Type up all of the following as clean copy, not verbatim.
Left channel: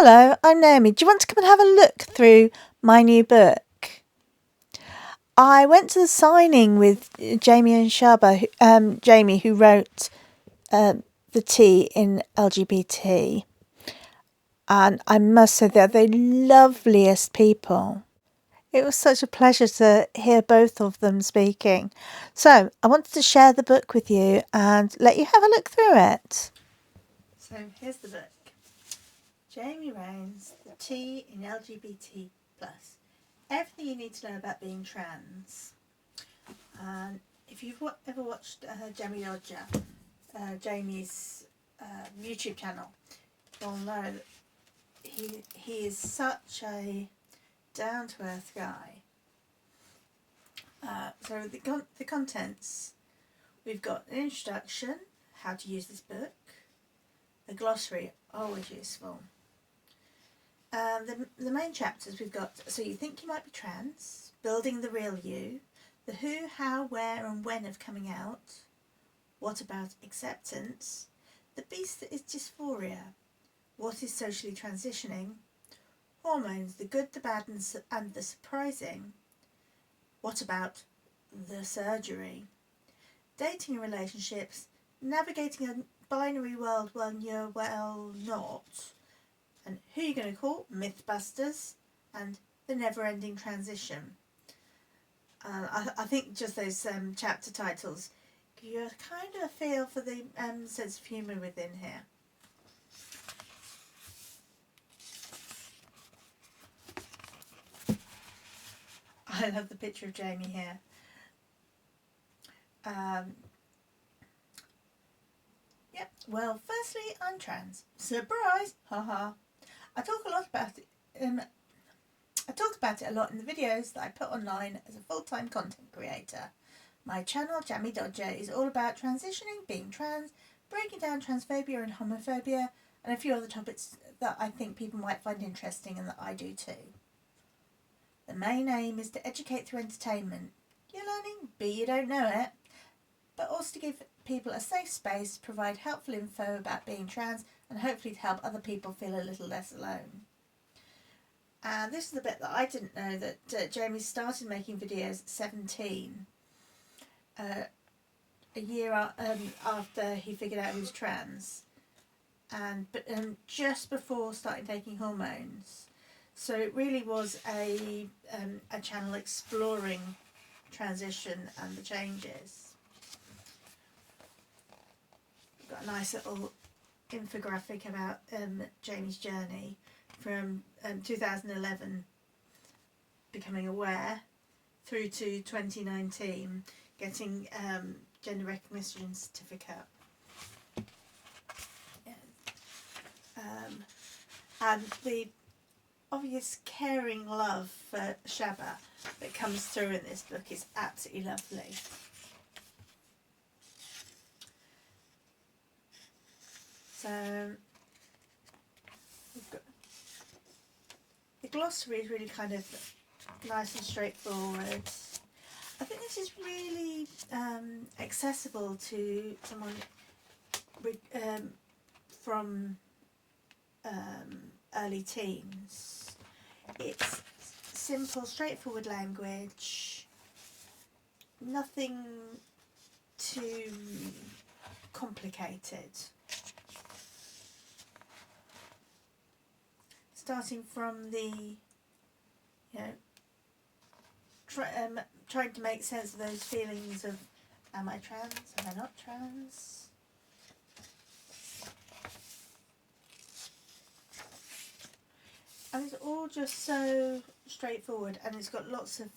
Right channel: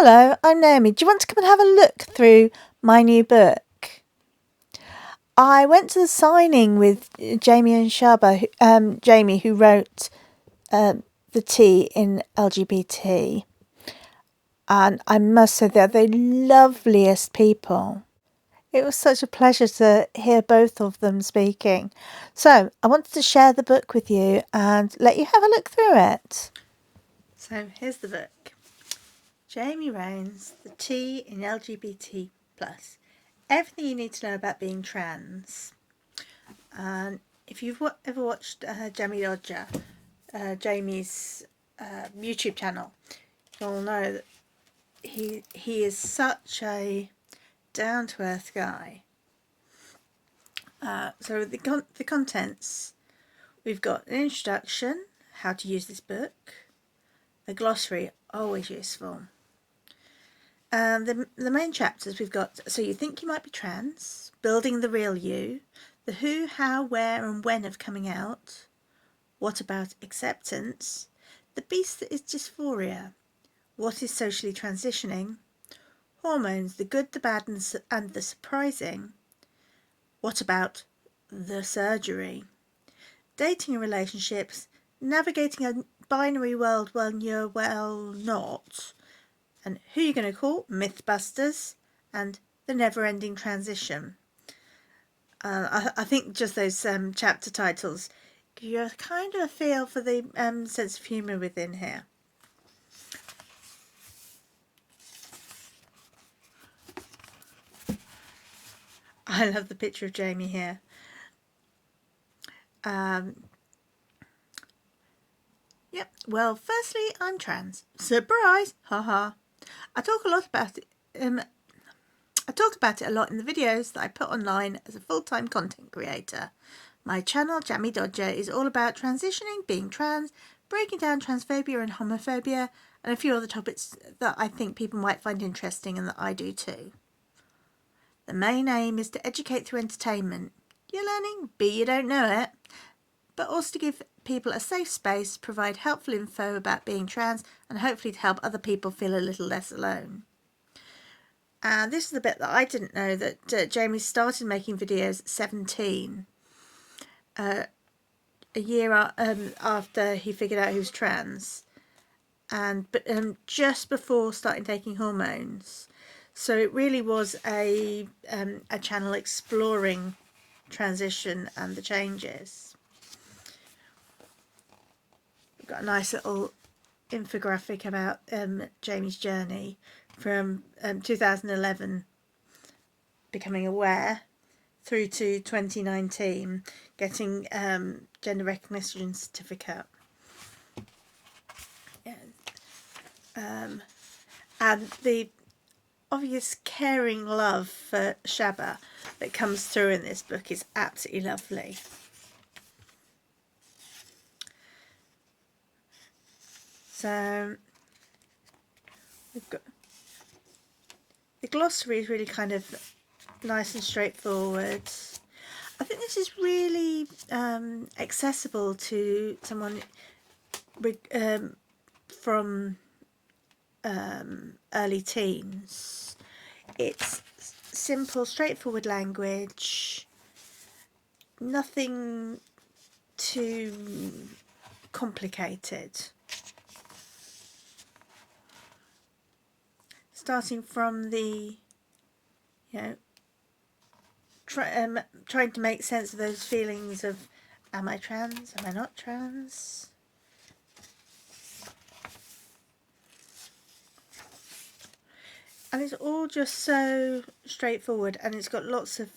Hello, I'm Naomi. Do you want to come and have a look through my new book? I went to the signing with Jamie and Shaba, Jamie, who wrote the T in LGBT. And I must say they're the loveliest people. It was such a pleasure to hear both of them speaking. So I wanted to share the book with you and let you have a look through it. So here's the book. Jamie Rowan's The T in LGBT+. Everything you need to know about being trans. And if you've ever watched Jamie Dodger, Jamie's YouTube channel, you'll know that he is such a down-to-earth guy. So the contents, we've got an introduction, how to use this book, the glossary, always useful. The main chapters we've got, so you think you might be trans, building the real you, the who, how, where and when of coming out, what about acceptance, the beast that is dysphoria, what is socially transitioning, hormones, the good, the bad and the surprising, what about the surgery, dating and relationships, navigating a binary world when you're not, and who you're going to call, Mythbusters, and the never-ending transition. I think just those chapter titles give you a kind of a feel for the sense of humour within here. I love the picture of Jamie here. Yep. Well, firstly, I'm trans. Surprise! Haha. I talk about it a lot in the videos that I put online as a full-time content creator. My channel, Jamie Dodger, is all about transitioning, being trans, breaking down transphobia and homophobia, and a few other topics that I think people might find interesting and that I do too. The main aim is to educate through entertainment. You're learning, B, you don't know it, but also to give people a safe space, provide helpful info about being trans, and hopefully to help other people feel a little less alone. And this is the bit that I didn't know, that Jamie started making videos at 17, a year after he figured out he was trans, but just before starting taking hormones. So it really was a channel exploring transition and the changes. We've got a nice little infographic about Jamie's journey from 2011 becoming aware through to 2019 getting gender recognition certificate. And the obvious caring love for Shaba that comes through in this book is absolutely lovely. So we've got the glossary is really kind of nice and straightforward. I think this is really accessible to someone from early teens. It's simple, straightforward language, nothing too complicated. Starting from the, trying to make sense of those feelings of, am I trans, am I not trans? And it's all just so straightforward, and it's got lots of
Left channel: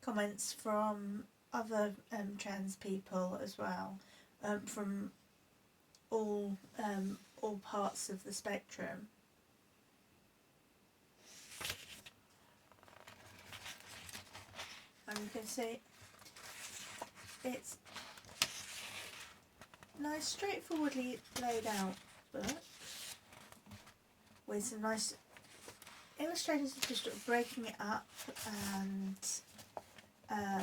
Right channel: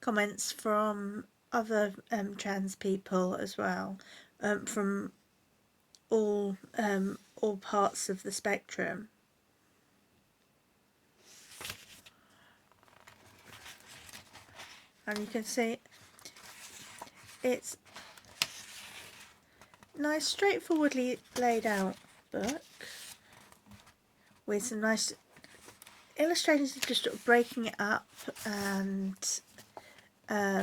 comments from other trans people as well, from all parts of the spectrum. And you can see it's nice, straightforwardly laid out book with some nice illustrations of just sort of breaking it up, and I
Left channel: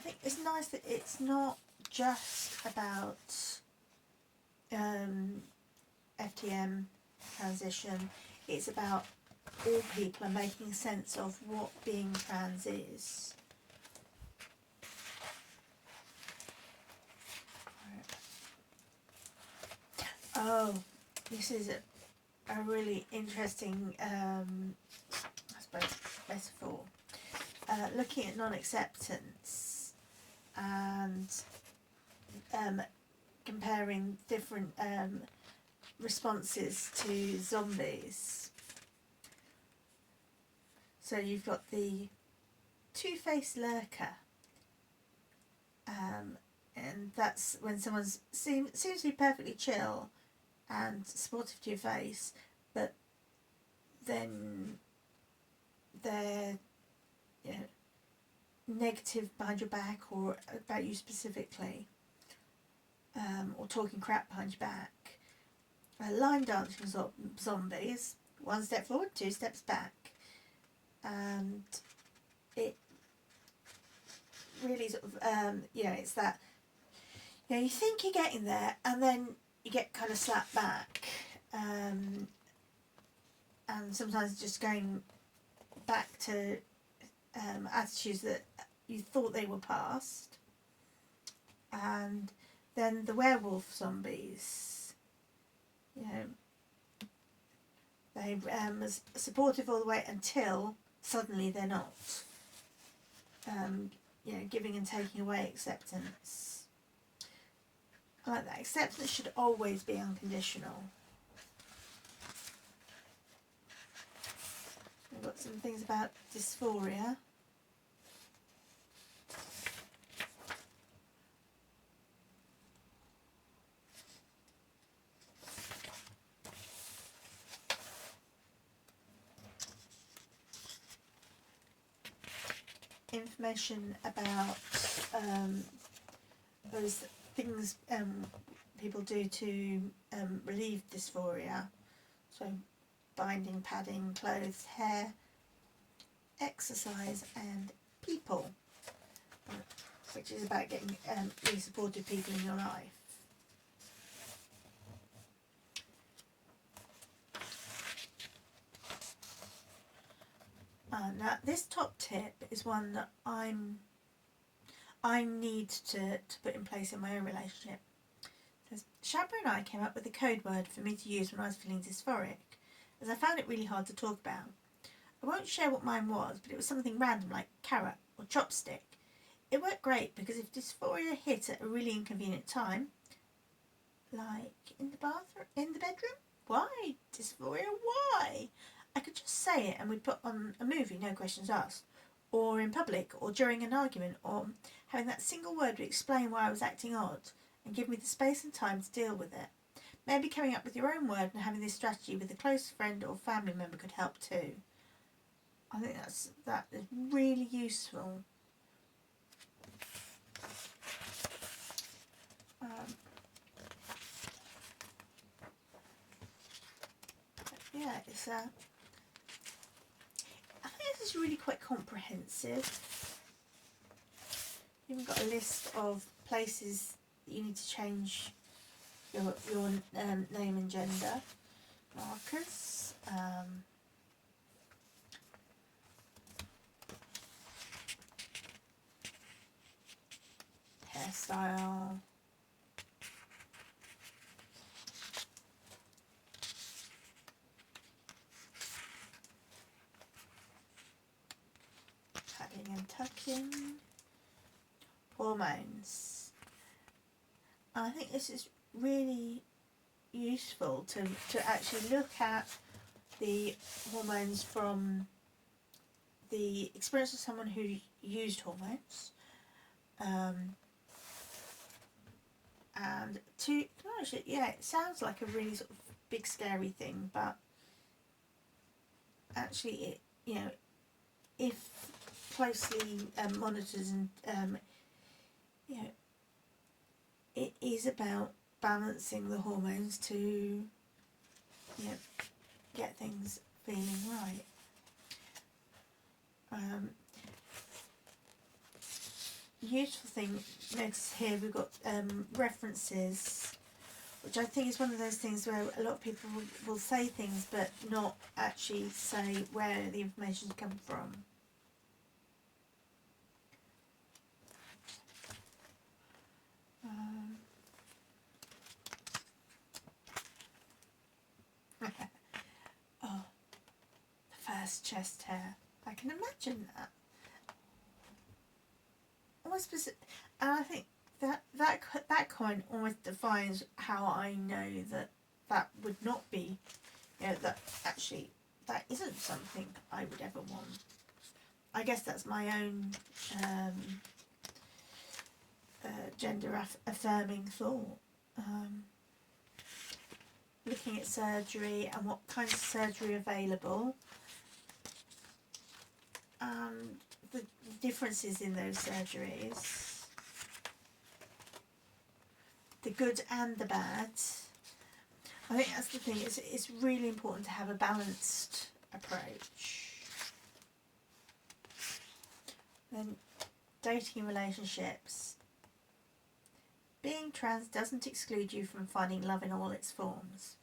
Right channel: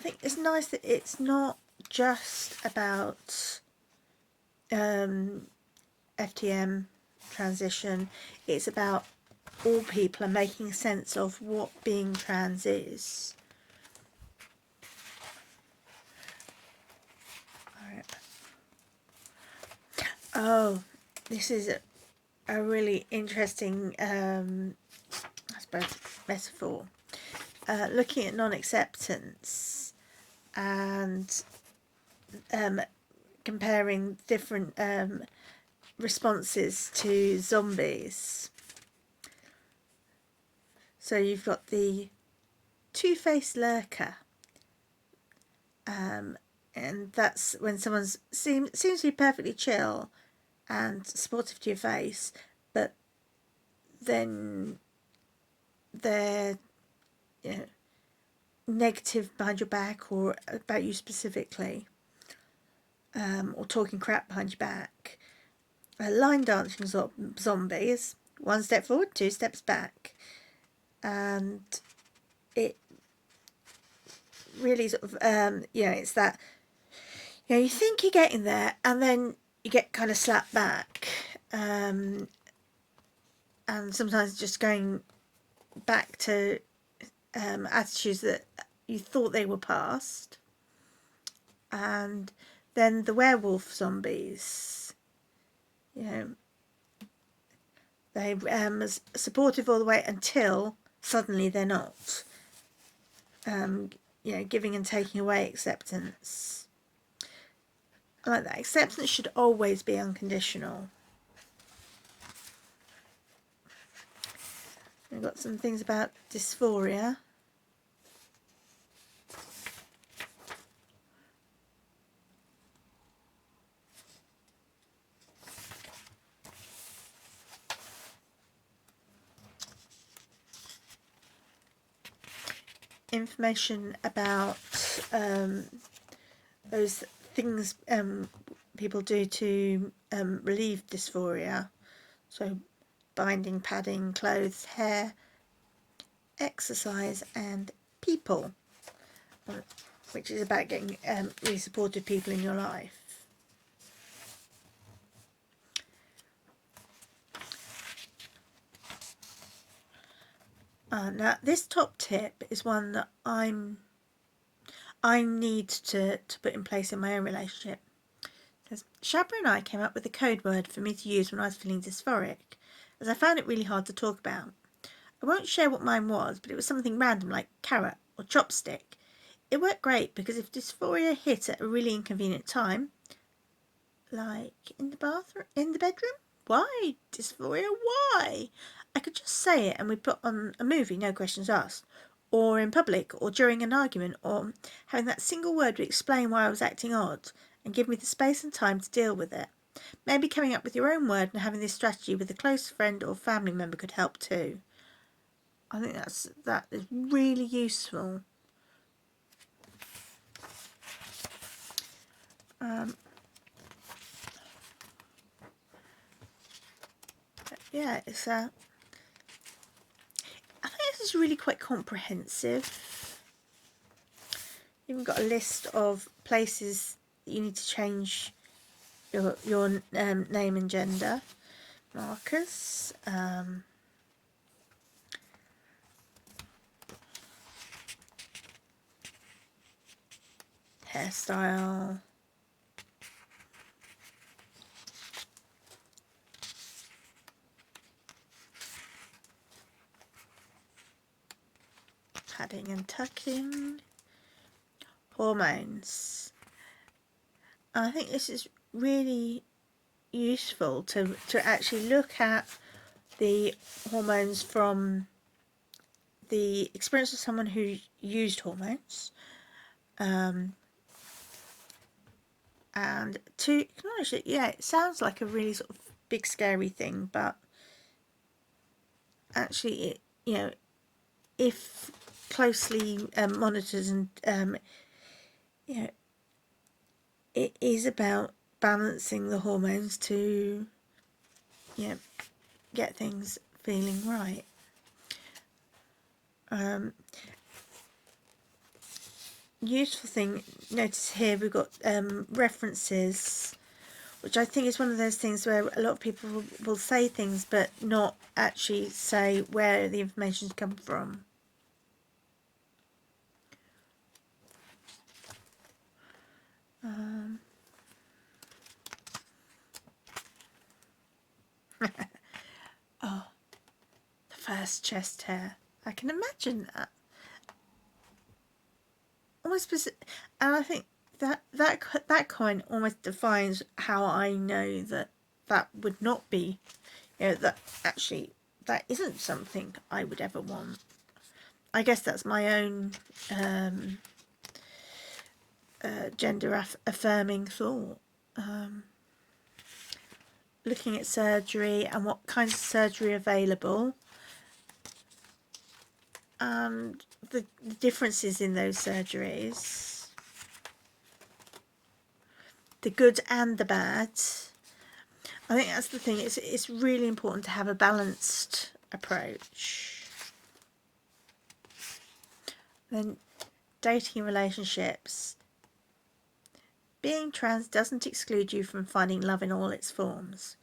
think it's nice that it's not just about FTM transition. It's about all people and making sense of what being trans is. Oh, this is a really interesting, I suppose, metaphor. Looking at non-acceptance and comparing different responses to zombies. So you've got the two-faced lurker, and that's when someone seems to be perfectly chill and supportive to your face, but then they're, you know, negative behind your back or about you specifically, or talking crap behind your back. Line dancing zombies, one step forward, two steps back, and it really sort of it's that, you think you're getting there and then you get kind of slapped back, and sometimes just going back to attitudes that you thought they were past. And then the werewolf zombies, they supportive all the way until suddenly they're not. Giving and taking away acceptance. I like that. Acceptance should always be unconditional. We've got some things about dysphoria. Information about those things people do to relieve dysphoria. So binding, padding, clothes, hair, exercise and people, which is about getting really supportive people in your life. Now this top tip is one that I need to put in place in my own relationship. Because Shabra and I came up with a code word for me to use when I was feeling dysphoric, as I found it really hard to talk about. I won't share what mine was, but it was something random like carrot or chopstick. It worked great because if dysphoria hit at a really inconvenient time, like in the bathroom, in the bedroom, why dysphoria, why? I could just say it and we'd put on a movie, no questions asked, or in public, or during an argument, or having that single word would explain why I was acting odd and give me the space and time to deal with it. Maybe coming up with your own word and having this strategy with a close friend or family member could help too. I think that is really useful. Yeah, it's I think this is really quite comprehensive. You've got a list of places that you need to change your name and gender, markers, hairstyle, padding and tucking, hormones. I think this is really useful to actually look at the hormones from the experience of someone who used hormones, and to acknowledge that, it sounds like a really sort of big scary thing, but actually if closely monitored and it is about balancing the hormones to get things feeling right. Useful thing, notice here we've got references which I think is one of those things where a lot of people will say things but not actually say where the information's come from. Oh, the first chest hair. I can imagine that. Almost, and I think that kind almost defines how I know that would not be, that actually that isn't something I would ever want. I guess that's my own gender affirming thought. Looking at surgery and what kinds of surgery are available, and the differences in those surgeries, the good and the bad. I think that's the thing. It's really important to have a balanced approach. Then dating relationships. Being trans doesn't exclude you from finding love in all its forms.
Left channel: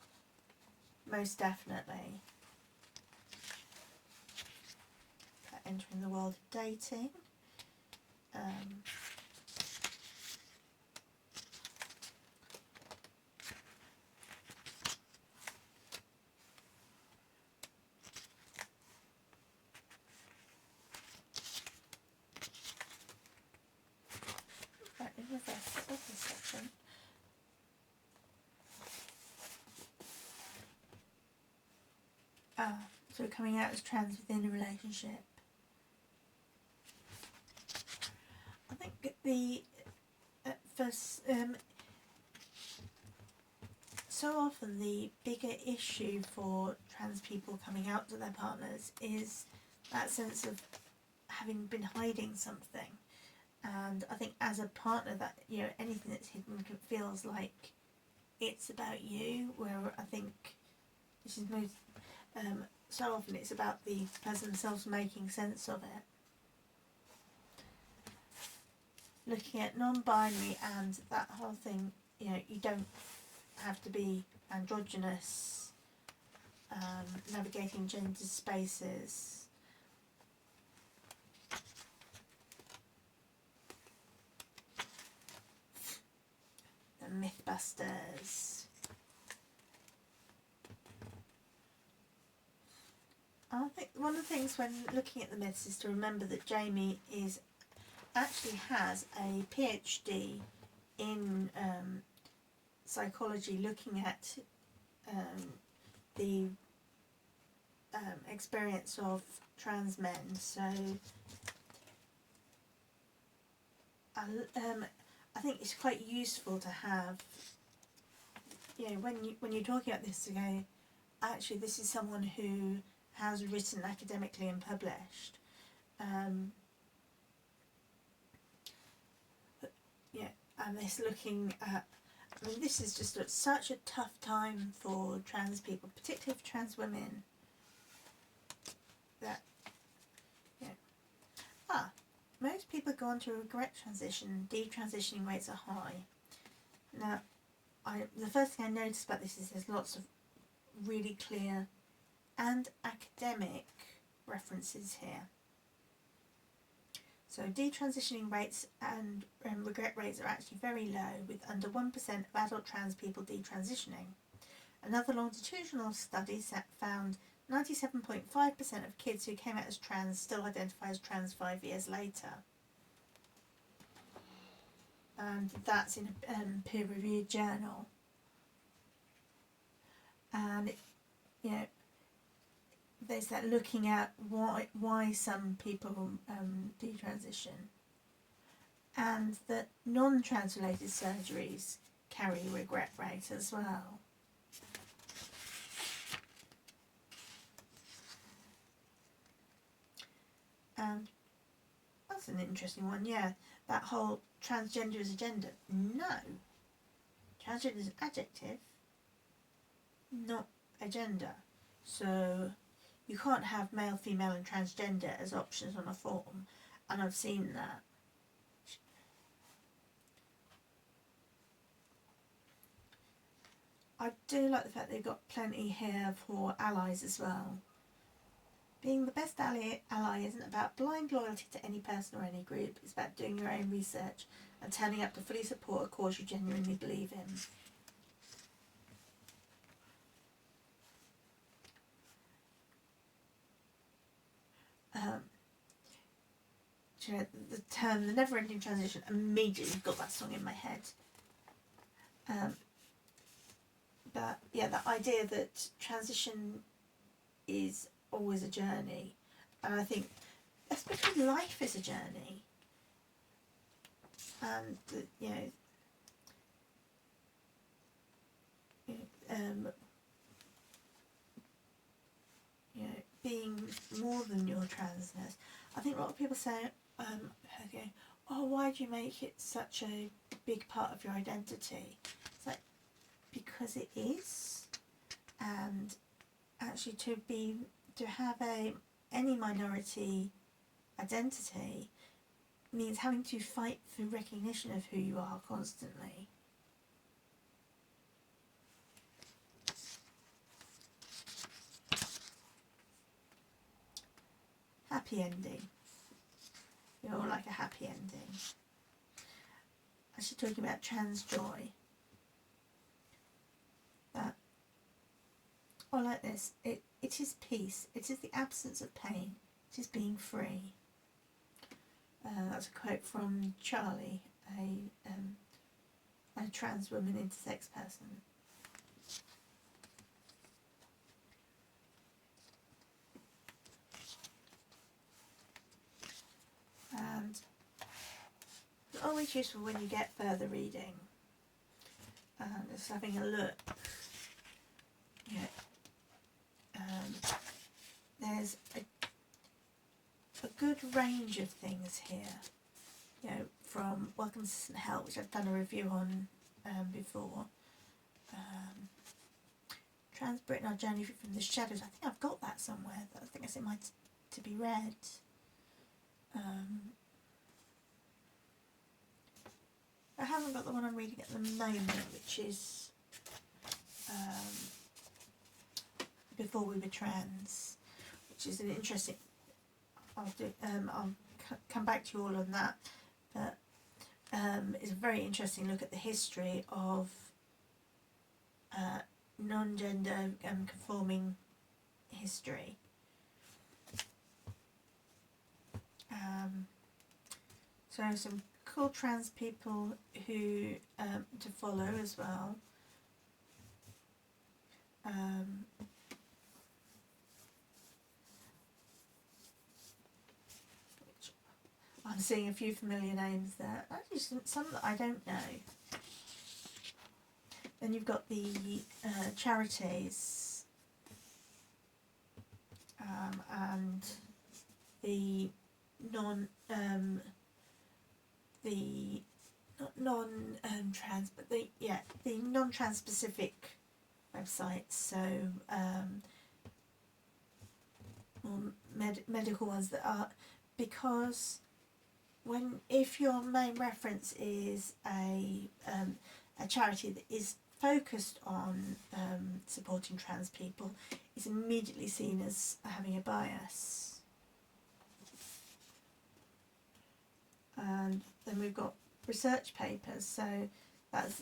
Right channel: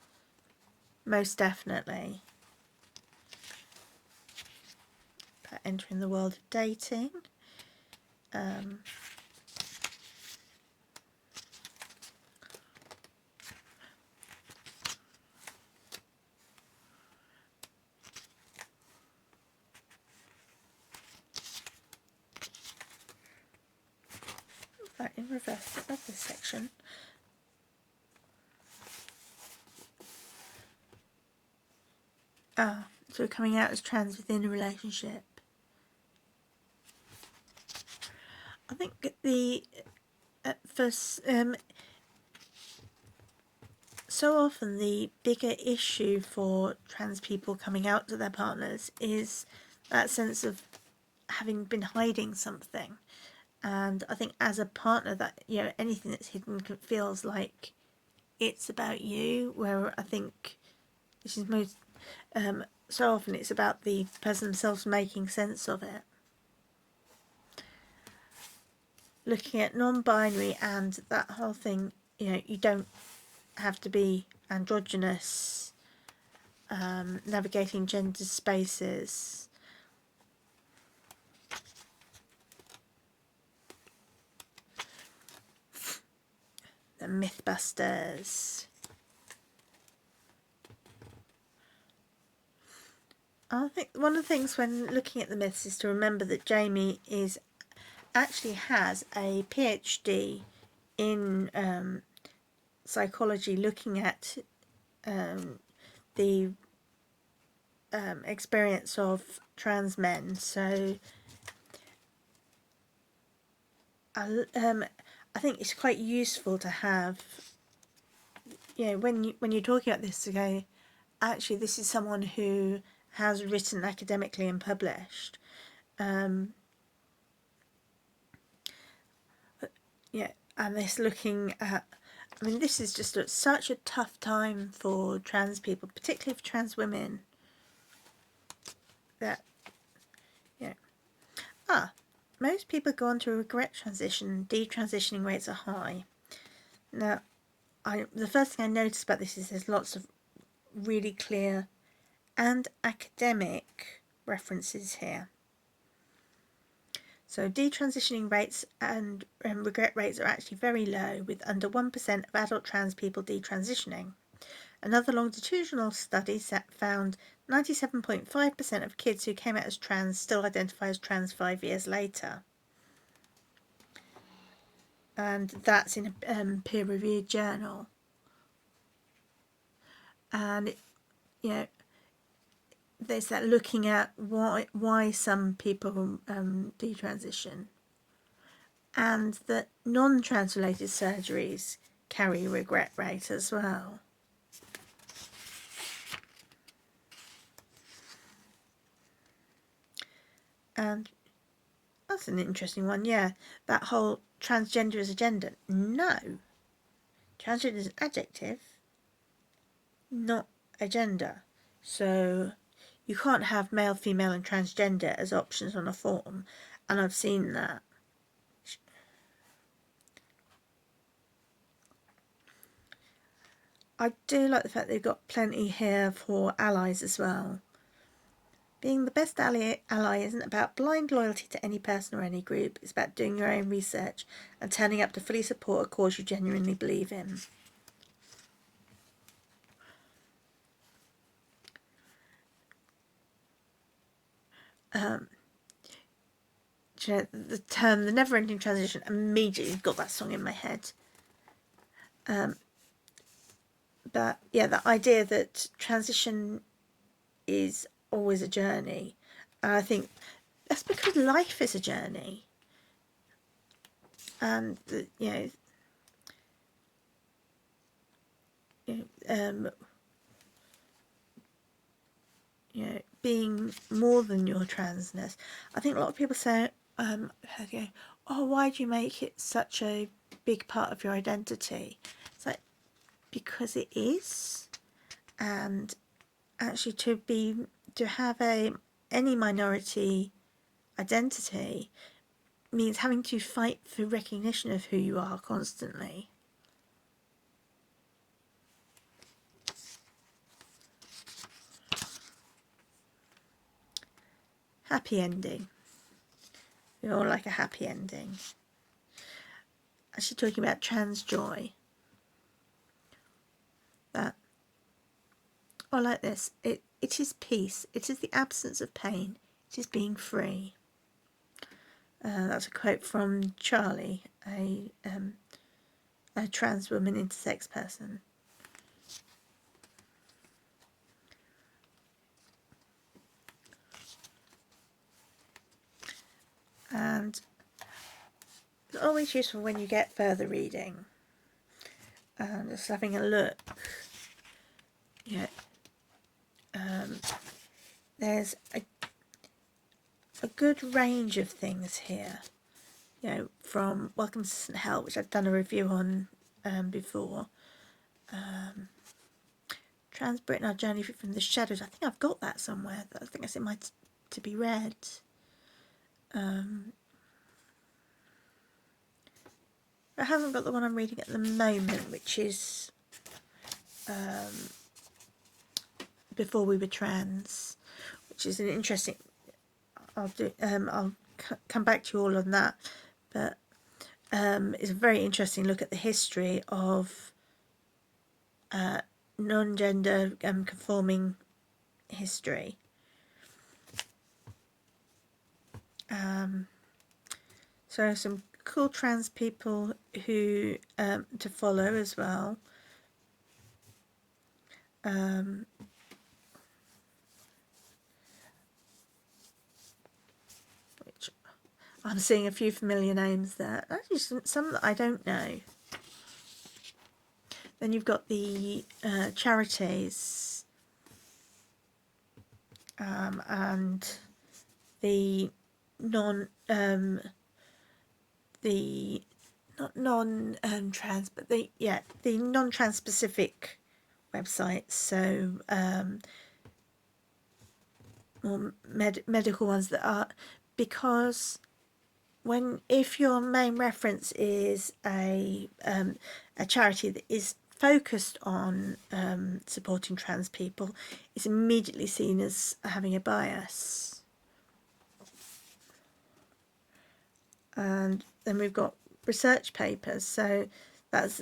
Most definitely. But entering the world of dating. Right, in reverse, that's this section. Oh, so we're coming out as trans within a relationship. I think so often the bigger issue for trans people coming out to their partners is that sense of having been hiding something. And I think as a partner, that anything that's hidden feels like it's about you, where I think this is most so often it's about the person themselves making sense of it. Looking at non-binary and that whole thing, you don't have to be androgynous, navigating gender spaces. The Mythbusters. I think one of the things when looking at the myths is to remember that Jamie actually has a PhD in psychology, looking at the experience of trans men. So I think it's quite useful to have, when you're talking about this, to go, actually this is someone who has written academically and published. And this looking at, this is just such a tough time for trans people, particularly for trans women. That, most people go on to a regret transition. Detransitioning rates are high. Now, the first thing I noticed about this is there's lots of really clear and academic references here. So detransitioning rates and regret rates are actually very low, with under 1% of adult trans people detransitioning. Another longitudinal study found 97.5% of kids who came out as trans still identify as trans 5 years later. And that's in a peer-reviewed journal. And, there's that looking at why some people detransition, and that non-trans related surgeries carry a regret rate as well. And that's an interesting one, that whole transgender is a gender. No, transgender is an adjective, not a gender. So you can't have male, female and transgender as options on a form, and I've seen that. I do like the fact they've got plenty here for allies as well. Being the best ally isn't about blind loyalty to any person or any group. It's about doing your own research and turning up to fully support a cause you genuinely believe in. The term, the never-ending transition, immediately got that song in my head. But yeah, the idea that transition is always a journey. And I think that's because life is a journey. And, being more than your transness. I think a lot of people say, okay, oh, why do you make it such a big part of your identity? It's like, because it is. And actually to have any minority identity means having to fight for recognition of who you are constantly. Happy ending. We all like a happy ending. Actually talking about trans joy. That, or like this, it is peace. It is the absence of pain. It is being free. That's a quote from Charlie, a trans woman intersex person. And it's always useful when you get further reading. Just having a look. There's a good range of things here. From Welcome to St. Hell, which I've done a review on before. Trans Britain, Our Journey from the Shadows. I think I've got that somewhere. I think it's in my to be read. I haven't got the one I'm reading at the moment, which is Before We Were Trans, which is an interesting. I'll come back to you all on that, but it's a very interesting look at the history of non-gender conforming history. So some cool trans people who to follow as well. Which I'm seeing a few familiar names there. Actually, some that I don't know. Then you've got the charities and the non-trans, but the non-trans specific websites. So more medical ones that are, because if your main reference is a charity that is focused on supporting trans people, it's immediately seen as having a bias. And then we've got research papers. So that's,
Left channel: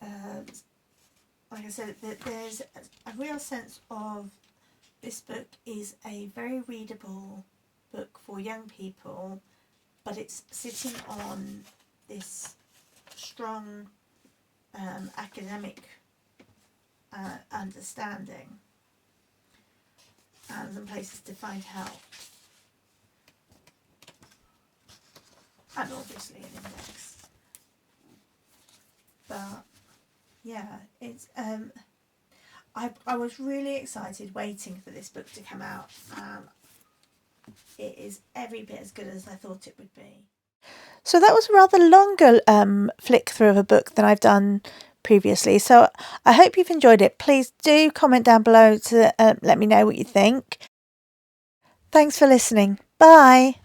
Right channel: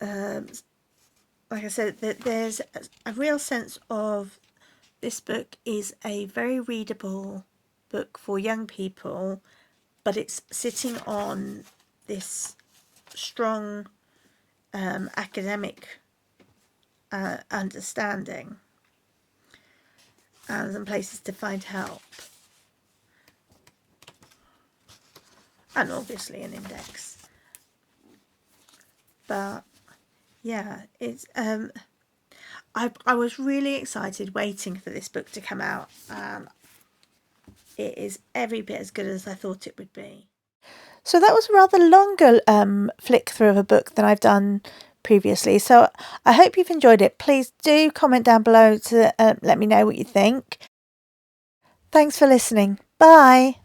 like I said, there's a real sense of this book is a very readable book for young people, but it's sitting on this strong academic understanding and some places to find help. And obviously an index. But yeah, it's I was really excited waiting for this book to come out. It is every bit as good as I thought it would be. So that was a rather longer flick through of a book than I've done previously. So I hope you've enjoyed it. Please do comment down below to let me know what you think. Thanks for listening. Bye.